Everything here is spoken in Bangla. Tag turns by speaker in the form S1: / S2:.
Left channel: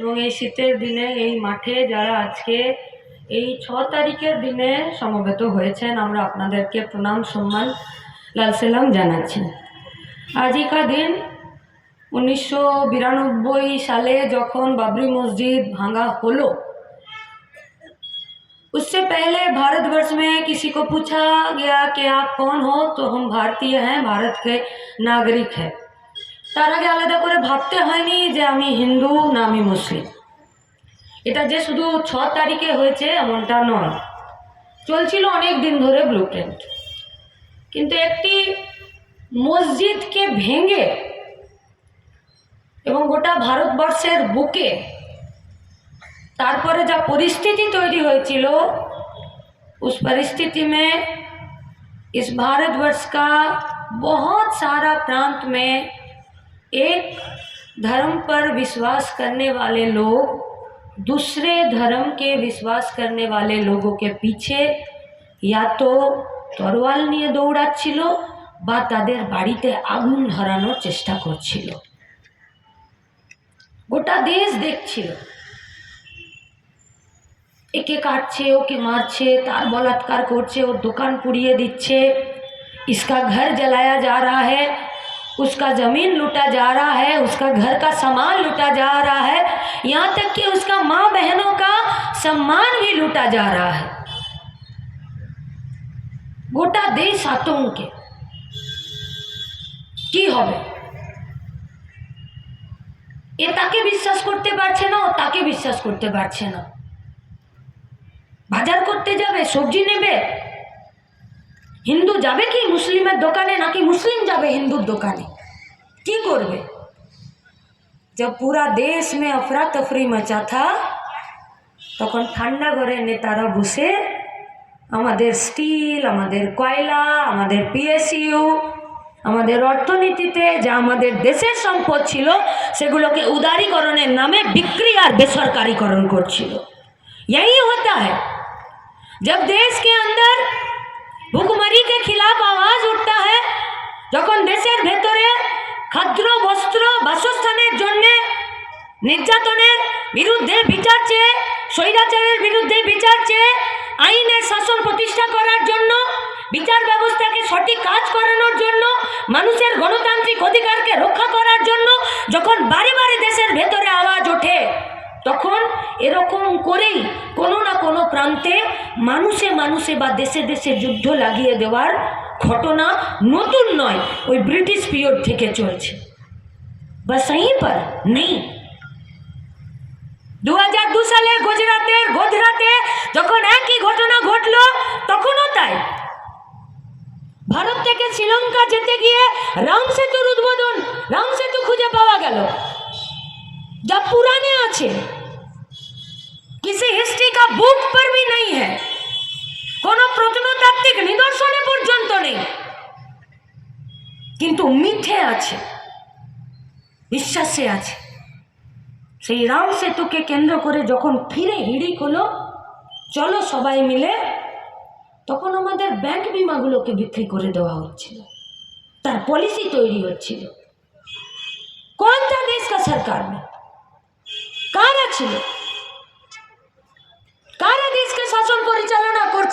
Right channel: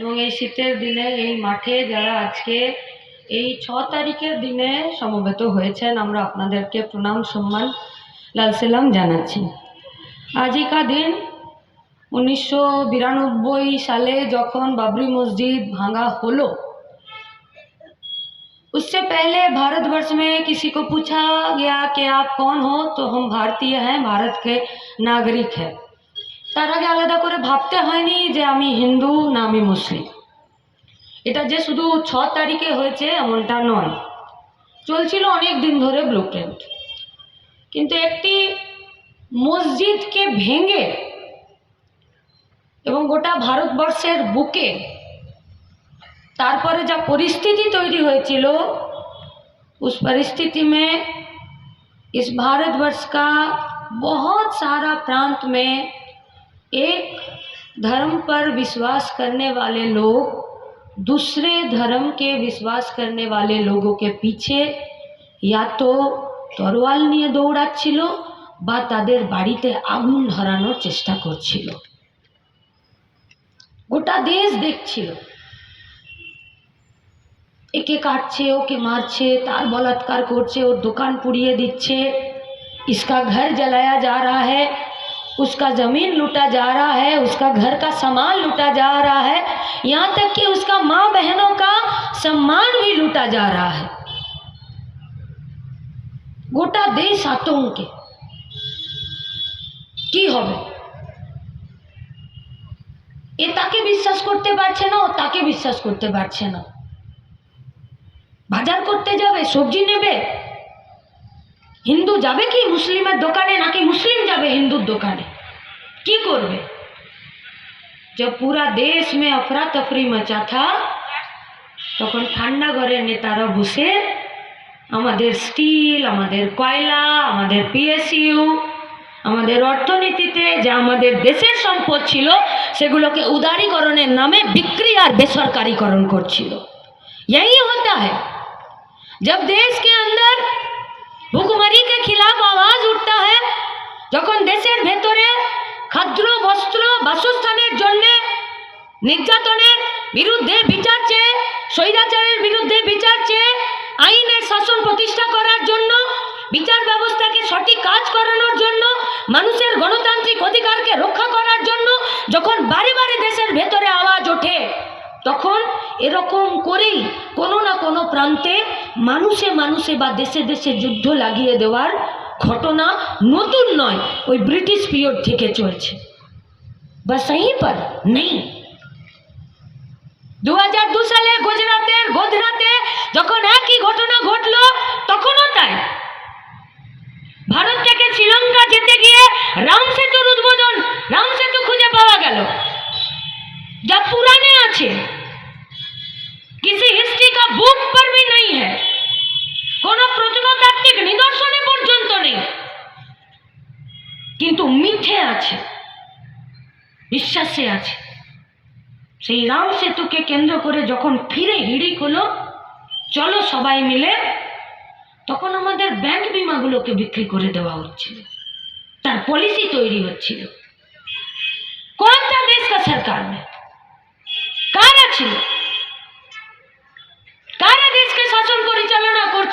S1: এবং এই শীতের দিনে এই মাঠে যারা আজকে এই ছ তারিখের দিনে সমবেত হয়েছেন আমরা আপনাদেরকে প্রণাম সম্মান লাল সালাম জানাচ্ছি আজই কা দিন উনিশশো বিরানব্বই সালে যখন বাবরি মসজিদ ভাঙা হলো उससे पहले भारतवर्ष में किसी को पूछा गया कि आप कौन हो तो हम भारतीय हैं भारत के नागरिक हैं তার আগে আলাদা করে ভাবতে হয়নি যে আমি হিন্দু না আমি মুসলিম এটা যে শুধু ছ তারিখে হয়েছে এমনটা নয় চলছিল অনেক দিন ধরে ব্লু প্রিন্ট কিন্তু একটি মসজিদকে ভেঙে এবং গোটা ভারতবর্ষের বুকে तारपर जब परिस्थिति तैयारी হয়েছিল उस परिस्थिति में इस भारतवर्ष का बहुत सारा प्रांत में एक धर्म पर विश्वास करने वाले लोग दूसरे धर्म के विश्वास करने वाले लोगों के पीछे या तो तरवाल नहीं दौड़ाचिल तर बाड़ी आगुन हरान चेष्टा कर गोटा देश देख एके काटे ओके मारे तार बलात्कार कर दुकान पुड़िए दीचे इसका घर जलाया जा रहा है उसका ज़मीन लूटा जा रहा है उसका घर का सामान लूटा जा रहा है यहाँ तक कि उसका माँ बहनों का सम्मान भी लूटा जा रहा है গোটা দেশ আতঙ্কে কি হবে এ তাকে বিশ্বাস করতে পারছে না ও তাকে বিশ্বাস করতে পারছে না বাজার করতে যাবে সবজি নেবে হিন্দু যাবে কি মুসলিমের দোকানে নাকি মুসলিম যাবে হিন্দুর দোকানে কি করবে जब पूरा देश में अफरा तफरी मचा था তখন ঠান্ডা ঘরের নেতারা বসে আমাদের স্টিল আমাদের কয়লা আমাদের পিএসইউ আমাদের অর্থনীতিতে যা আমাদের দেশের সম্পদ ছিল সেগুলোকে উদারীকরণের নামে বিক্রি আর বেসরকারিকরণ করছিল यही होता है जब देश के अंदर ভুখমারিকে খিলাফ আওয়াজ উঠতে হয় যখন দেশের ভেতরে খাদ্র বস্ত্র, বাসস্থানের জন্য নির্যাতনের বিরুদ্ধে বিচার চেয়ে, স্বৈরাচারের বিরুদ্ধে বিচার চেয়ে আইনের শাসন প্রতিষ্ঠা করার জন্য, বিচার ব্যবস্থাকে সঠিক কাজ করানোর জন্য, মানুষের গণতান্ত্রিক অধিকারকে রক্ষা করার জন্য, যখন বারে বারে দেশের ভেতরে আওয়াজ প্রান্তে মানুষে মানুষে বা দেশে দেশে যুদ্ধ লাগিয়ে দেওয়ার ঘটনা নতুন নয়, ওই ব্রিটিশ পিরিয়ড থেকে চলছে। বা সেই পর নেই। দু হাজার দু সালে গুজরাটের গোধরাতে যখন একই ঘটনা ঘটল, তখনও তাই। ভারত থেকে শ্রীলঙ্কা যেতে গিয়ে রাম সেতুর উদ্বোধন, রাম সেতু খুঁজে পাওয়া গেল। যা পুরাণে আছে। किसी हिस्ट्री का बुक पर भी नहीं है কোনো প্রত্নতাত্ত্বিক নিদর্শনে পর্যন্ত নেই কিন্তু মিথে আছে বিশ্বাসে আছে সেই রাম সেতুকে কেন্দ্র করে যখন ফিরে হিড়িক হলো চলো সবাই মিলে তখন আমাদের ব্যাংক বিমাগুলোকে বিক্রি করে দেওয়া হচ্ছিল তার পলিসি তৈরি হচ্ছিল কোন था देश का सरकार में কারা ছিল